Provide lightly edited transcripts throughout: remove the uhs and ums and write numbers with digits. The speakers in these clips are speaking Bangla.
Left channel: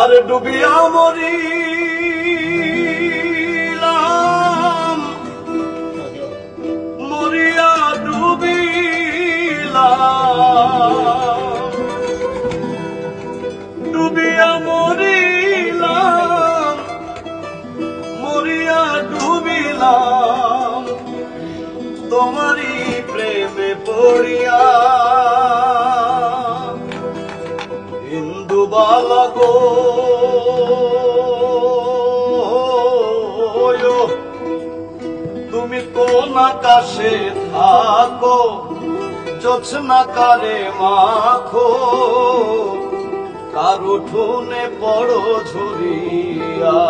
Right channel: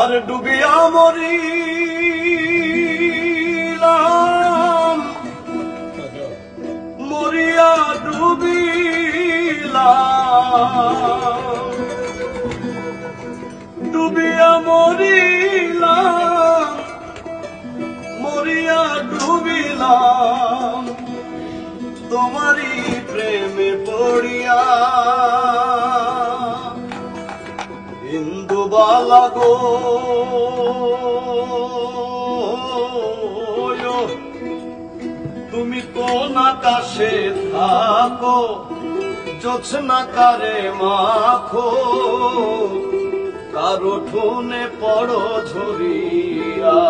আর ডুবিয়া মরিলাম, মরিয়া ডুবিলাম, ডুবিয়া মরিলাম, মরিয়া ডুবিলাম, তোমারি প্রেমে পড়িয়া। ইন্দুবালা গো, তুমি কোন আকাশে থাকো, জোছনা কারে মাখো, কার উঠোনে পড়ো ঝরিয়া।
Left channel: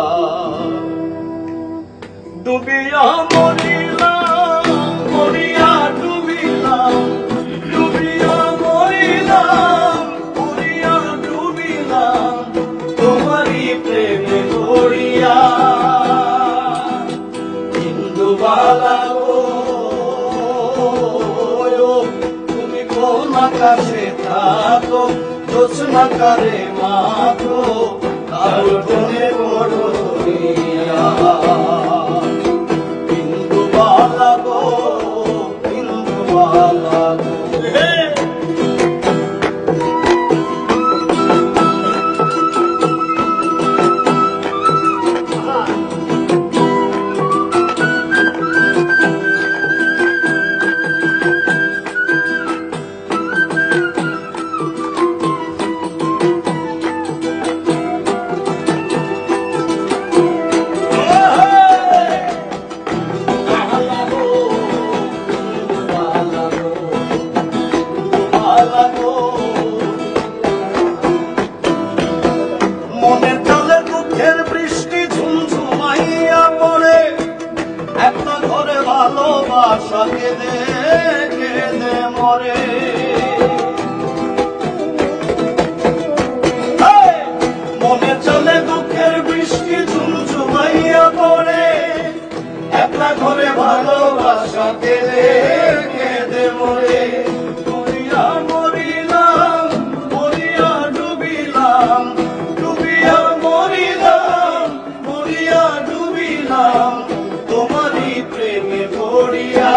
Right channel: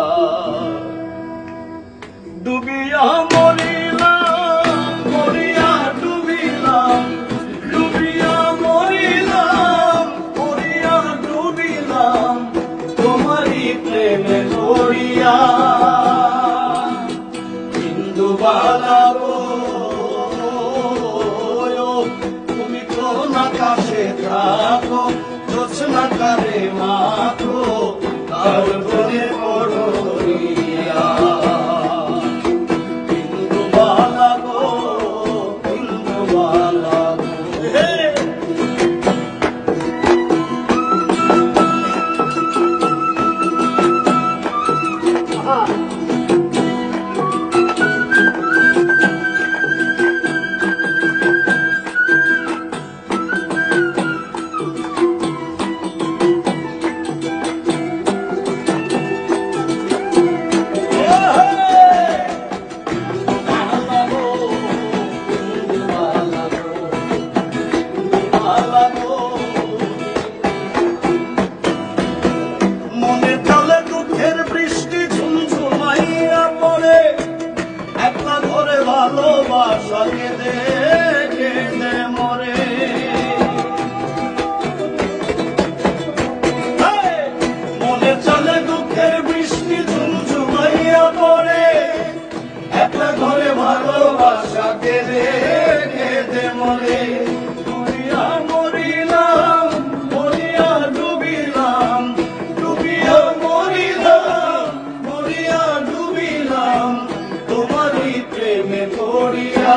ডুবিয়া মরিলাম, মরিয়া ডুবিলাম, ডুবিয়া মরিলাম, মরিয়া ডুবিলাম, তোমারি প্রেমে পড়িয়া। ইন্দুবালা গো, তুমি কোন আকাশে থাকো, জোছনা কারে মাখো, কার উঠোনে পড়ো ঝরিয়া। ইন্দুবালা গো, ইন্দুবালা গো। মনের জলে দুঃখের বৃষ্টি ঝুমঝুমাইয়া পড়ে, একটা ঘরে ভালোবাসা কেঁদে কেঁদে মরে। মনের জলে দুঃখের বৃষ্টি ঝুমঝুমাইয়া পড়ে, একটা ঘরে ভালোবাসা কেঁদে কেঁদে মরে। মরিয়া মরিলাম, মরিয়া ডুবিলাম, ডুবিয়া মরিলাম, মরিয়া ডুবিলাম, তোমারি প্রেমে পড়িয়া।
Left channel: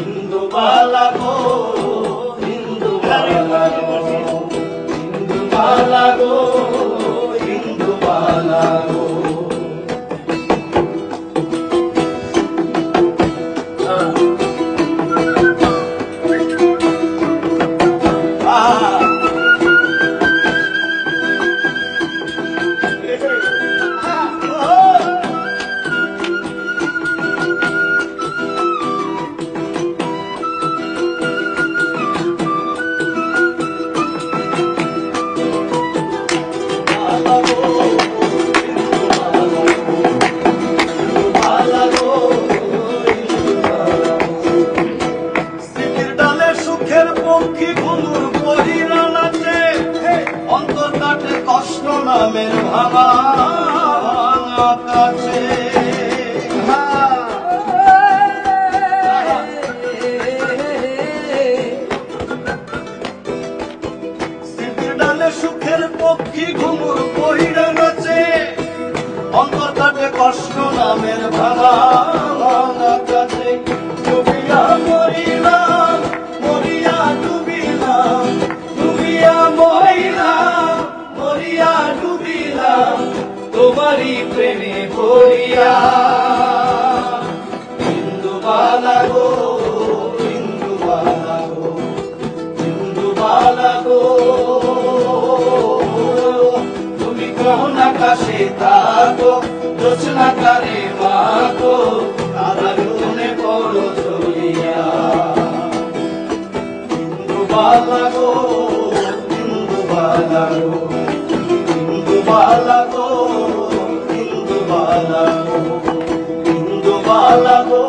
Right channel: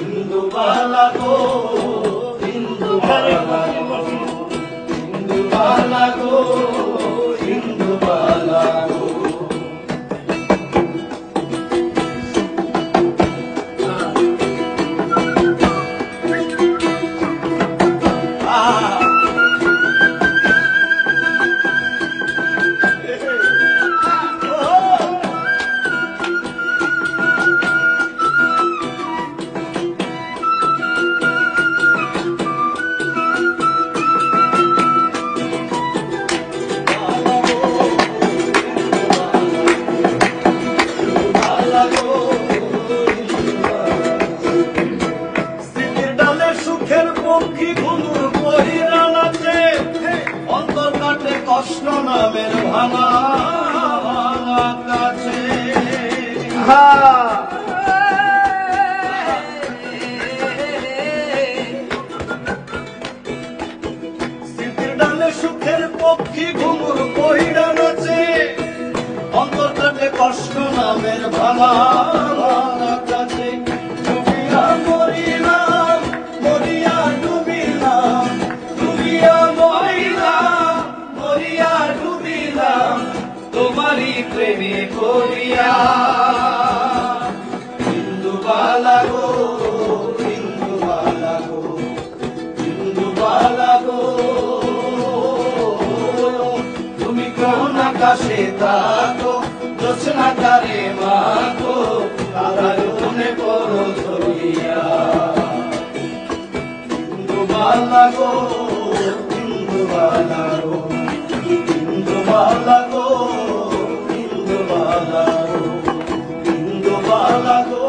ইন্দুবালা গো, ইন্দুবালা গো, ইন্দুবালা গো, ইন্দুবালা গো। সুখের পক্ষী ঘুমুর পহিরা নাচে, অন্তর কাটে কষ্ট নামের ভাঙা ভাঙা কাছে। স্মৃতির ডালে সুখের পক্ষী ঘুমুর পহিরা নাচে, অন্তর কাটে কষ্ট নামের ভাঙা ভাঙা কাছে। ডুবিয়া মরিলাম, মরিয়া ডুবিলাম, ডুবিয়া মরিলাম, মরিয়া ডুবিলাম, তোমারি প্রেমে পড়িয়া। ইন্দুবালা গো, ইন্দুবালা গো, ইন্দুবালা গো, তুমি কোন আকাশে থাকো, জোছনা কারে মাখো, কার উঠোনে পড়ো ঝরিয়া। ইন্দুবালা গো, ইন্দুবালা গো, ইন্দুবালা গো, ইন্দুবালা গো, ইন্দুবালা গো।